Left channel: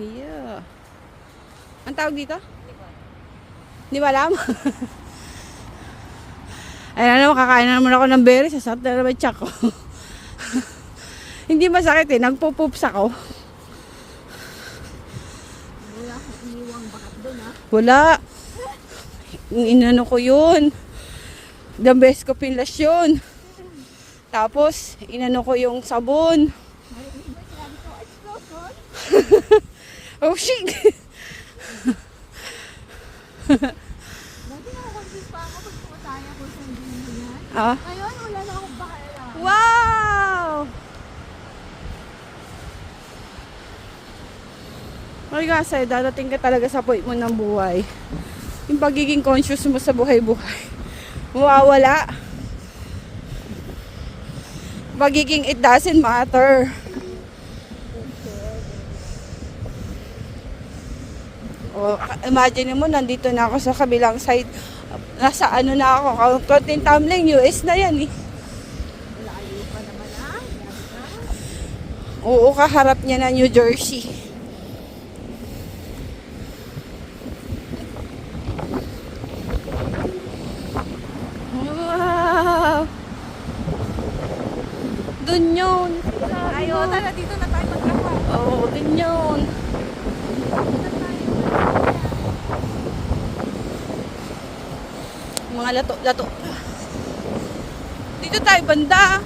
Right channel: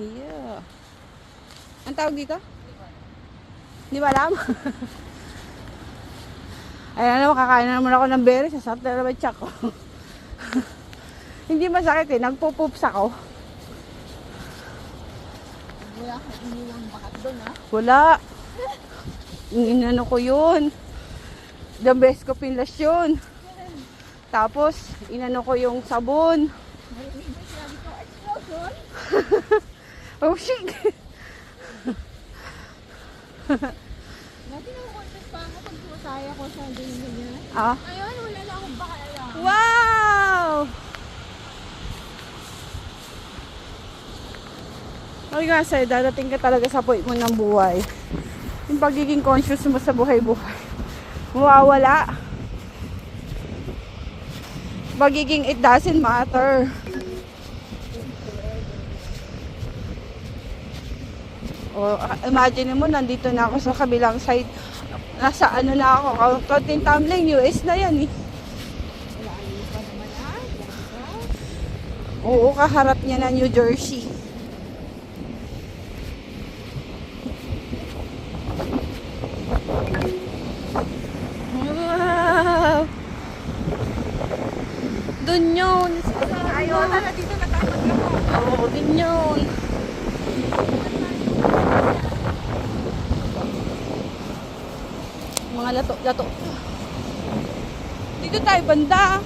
Yeah. Ang tawag dito? Hindi ba alam? Ayan naman, kakain na naman ako ng berries. Sasarap na naman tiyak ko. Hindi masakit eh. Nagpo-poops ako. Wala kang iniwang bakat doon, ha? Wala. Inano ko yun. The best ko pinlas yun. Tapos, inano ko yung sabon. Oh shit! Dati nakakonsist pa ako pag pumataya ko sa ganyan na yan. Ah. Ngayon, wala na akong bakala. Wow! Ay kasi, dadating ka talaga sa point mo ng buhay. Yung pagiging conscious mo sa buhay-buhay. Mawawala. Pagiging it doesn't matter. O, imagine mo, nandito na ako sa kabilang side. Nasa ano na ako, konting tumbling, US na yan eh. Layo pa naman, ha? Oo, kaharap niya na New Jersey. Wow! Dun yun. Ayaw, tala dito natakot ako. Oo, dun yun. Mga lato. Dito tayo banda.